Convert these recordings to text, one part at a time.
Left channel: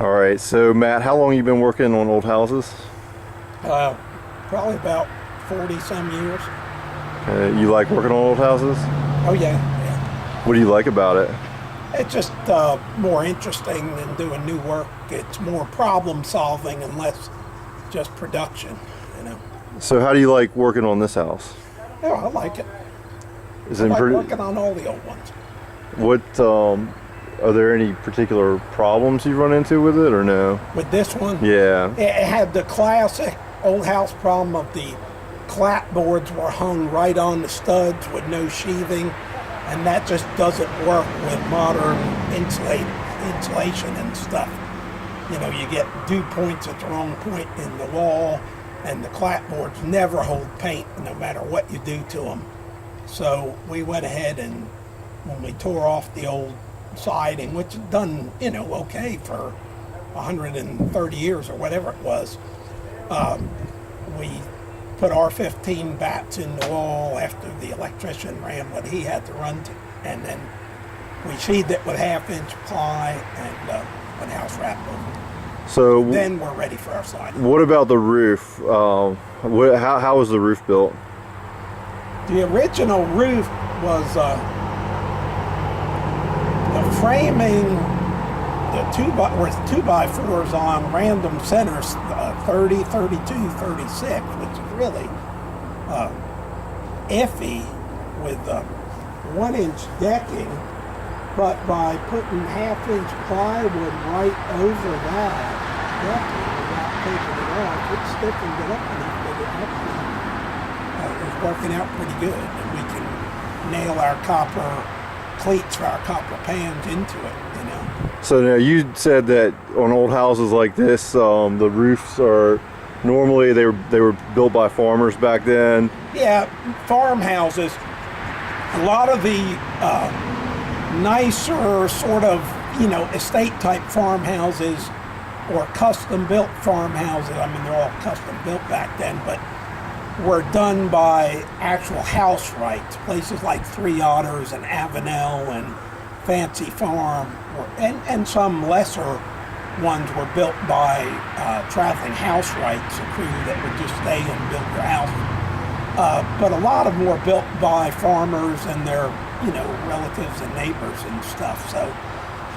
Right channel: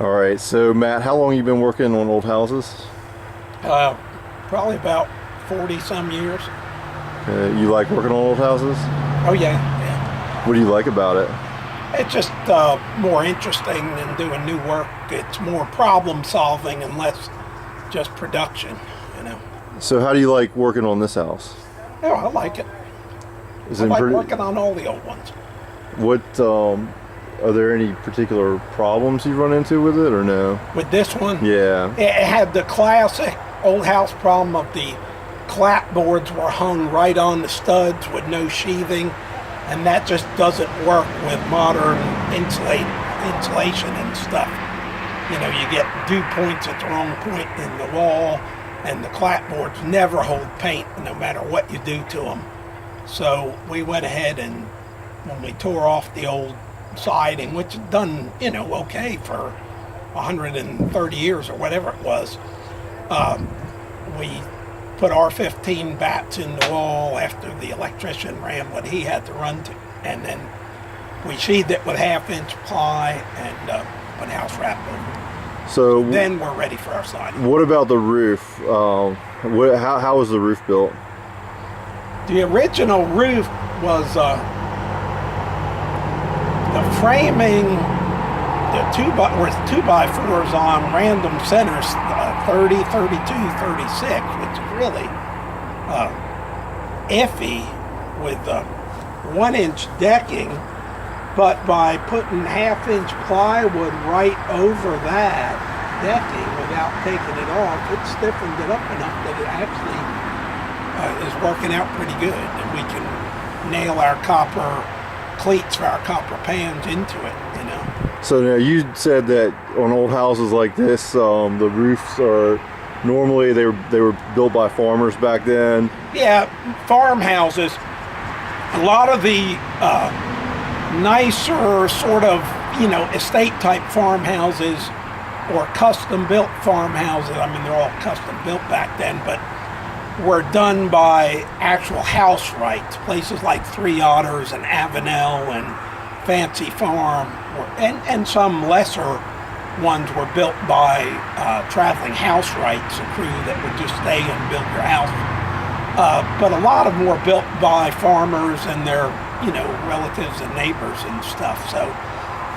All right, so Matt, how long you been working on old houses? Uh, Probably about 40 some years. You like working on old houses? Oh, yeah, yeah. What do you like about it? It's just more interesting than doing new work. It's more problem solving and less just production, you know. So how do you like working on this house? Yeah, I like it. Is I it like pretty? working on all the old ones. What are there any particular problems you run into with it or no? With this one, Yeah. it had the classic old house problem of the clapboards were hung right on the studs with no sheathing, and that just doesn't work with modern insulation and stuff. You know, you get dew points at the wrong point in the wall, and the clapboards never hold paint no matter what you do to them. So we went ahead and when we tore off the old siding, which had done, you know, okay for 130 years or whatever it was, we put R15 bats in the wall after the electrician ran what he had to run to, and then we sheathed it with half-inch ply and put house wrap over it. So Then we're ready for our siding. what about the roof? How was the roof built? The original roof was the framing, with 2x4s on random centers, 30, 32, 36, which is really iffy with 1-inch decking. But by putting half-inch plywood right over that decking without taking it off, it stiffened it up enough that it actually is working out pretty good, and we can nail our copper cleats for our copper pans into it, you know. So now you said that on old houses like this, the roofs are normally they were built by farmers back then. Yeah, farmhouses. A lot of the nicer sort of, you know, estate type farmhouses or custom built farmhouses. I mean, they're all custom built back then, but were done by actual house rights. Places like Three Otters and Avenel and Fancy Farm, and some lesser ones were built by traveling house rights, a crew that would just stay and build your house. But a lot of them were built by farmers and their, you know, relatives and neighbors and stuff. So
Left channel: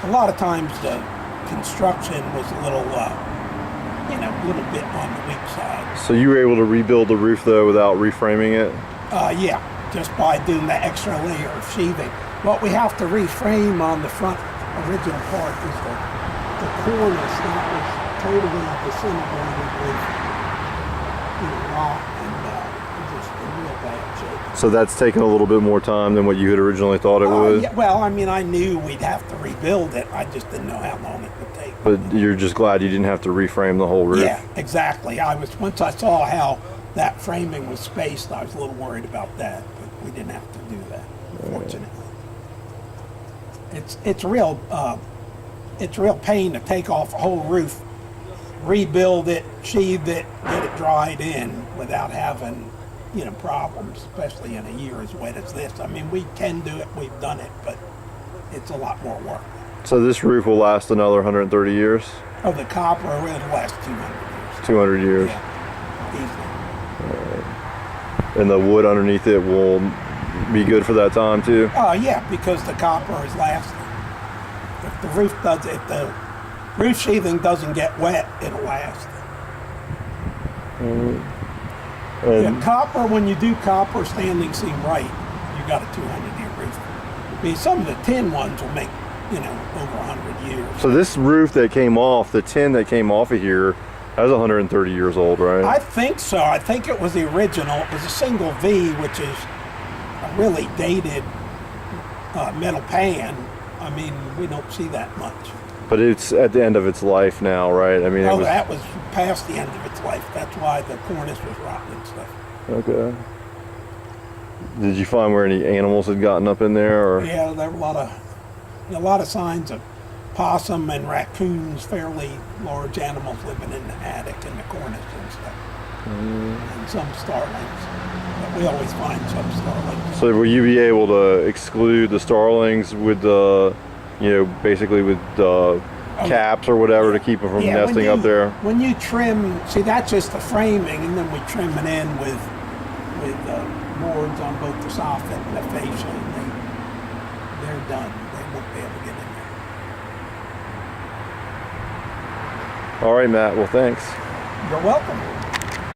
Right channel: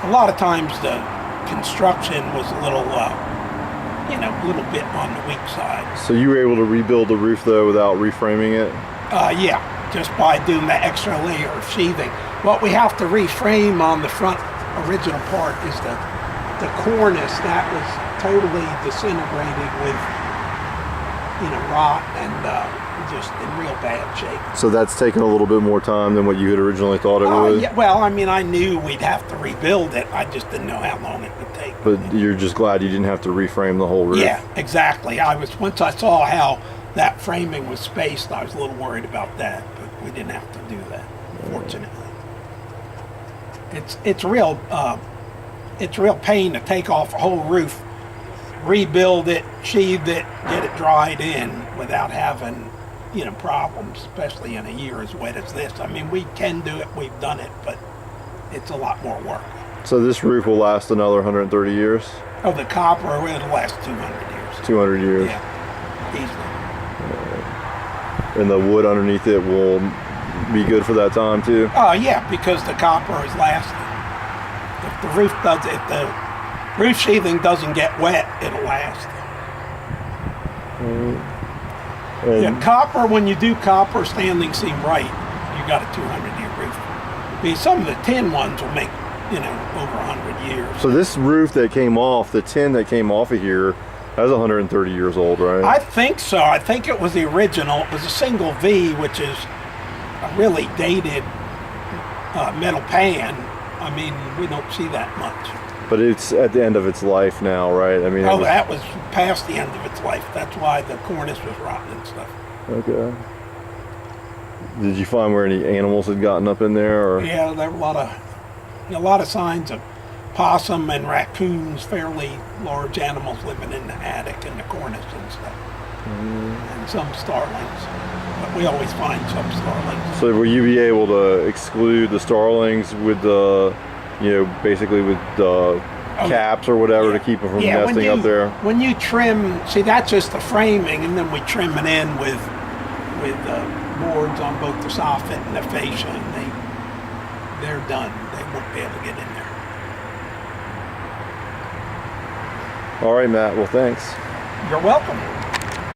a lot of times the construction was a little, you know, a little bit on the weak side. So you were able to rebuild the roof though without reframing it? Yeah, just by doing the extra layer of sheathing. What we have to reframe on the front original part is the cornice that was totally disintegrated with, you know, rot and just in real bad shape. So that's taken a little bit more time than what you had originally thought it would? Yeah, well, I mean, I knew we'd have to rebuild it. I just didn't know how long it would take. But you're just glad you didn't have to reframe the whole roof? Yeah, exactly. Once I saw how that framing was spaced, I was a little worried about that, but we didn't have to do that, fortunately. It's real pain to take off a whole roof, rebuild it, sheathe it, get it dried in without having, you know, problems, especially in a year as wet as this. I mean, we can do it, we've done it, but it's a lot more work. So this roof will last another 130 years? Oh, the copper will last 200 years. 200 years? Yeah, easily. And the wood underneath it will be good for that time too? Oh, yeah, because the copper is lasting. If the roof sheathing doesn't get wet, it'll last. Yeah, copper, when you do copper standing seam right, you got a 200-year roof. Because some of the tin ones will make, you know, over 100 years. So this roof that came off, the tin that came off of here, that's 130 years old, right? I think so. I think it was the original. It was a single V, which is a really dated metal pan. I mean, we don't see that much. But it's at the end of its life now, right? I mean, That was past the end of its life. That's why the cornice was rotten and stuff. Okay. Did you find where any animals had gotten up in there? Or? Yeah, there were a lot of signs of possum and raccoons, fairly large animals living in the attic and the cornice and stuff. And some starlings. But we always find some starlings. So will you be able to exclude the starlings with the, you know, basically with caps or whatever to keep them from Yeah, nesting up there. When you trim, see, that's just the framing, and then we trim it in with boards on both the soffit and the fascia, and they're done. They won't be able to get in there. All right, Matt. Well, thanks. You're welcome.